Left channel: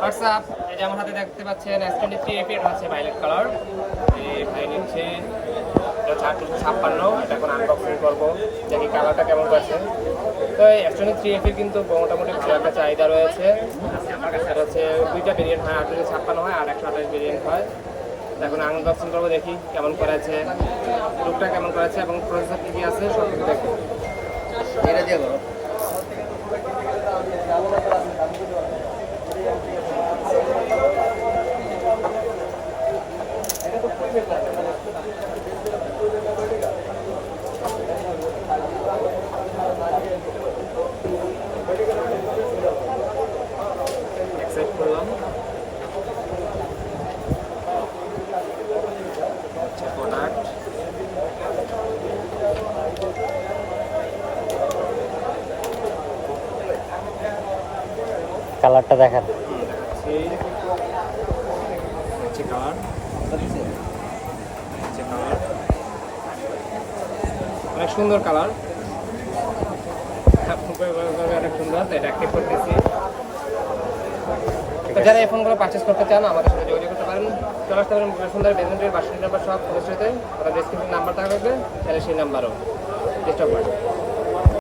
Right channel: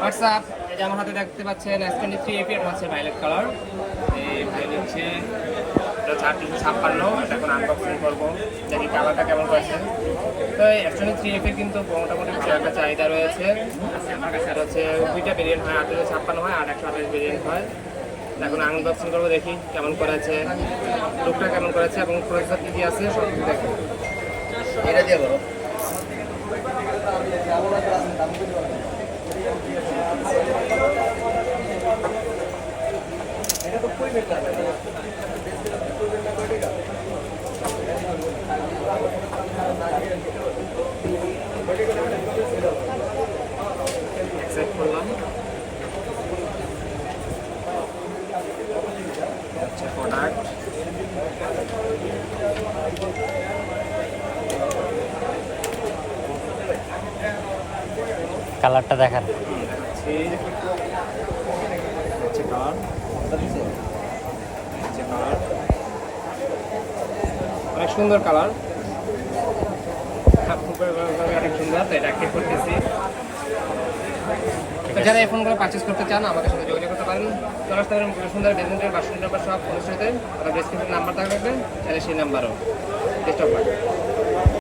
WhatsApp, এই যে আমার হাতে দেখতে পাচ্ছেন S23 এপির আছে ভায়োলেট কালার। এই ভাই নিচ্ছে 456, এটা এখন আনবক্সিং করবো, দেখি কালারটা কেমন পাচ্ছে। তো এই S23 এপির কিন্তু মোটামুটি একটা চাহিদা রয়েছে। আমার কাছে রয়েছে দুইটা ভেরিয়েন্ট হয়, 856 হয় আর 128 ভেরিয়েন্ট হয়। এখন আনবক্সিং করবো, দেখি কেমন করেছে, লুকটা কেমন করেছে এবং প্রসেসর কী আছে সব কিছু দেখবো। এটা দিয়ে বলো। অ্যাকসেপ্ট করলাম। আচ্ছা, প্রোডাক্ট কালারটা দেখান। দেখাচ্ছি, হচ্ছে কালার, হচ্ছে কালার, অনেক সুন্দর কালার, অনেক সুন্দর। তো এটা অ্যাক্টিভ করতেছি। তো যারা এই ফোনগুলো পারচেস করতে চান আমাদের সাথে যোগাযোগ করতে পারেন। চলে আসতে পারেন সুন্দর ডেলিভারি 52 নম্বর সব ফোনের সাথে, ওটা ডিসক্রিপশন নাম্বার থাকবে, চাইলে সেই নাম্বারও ডিস্টার্ব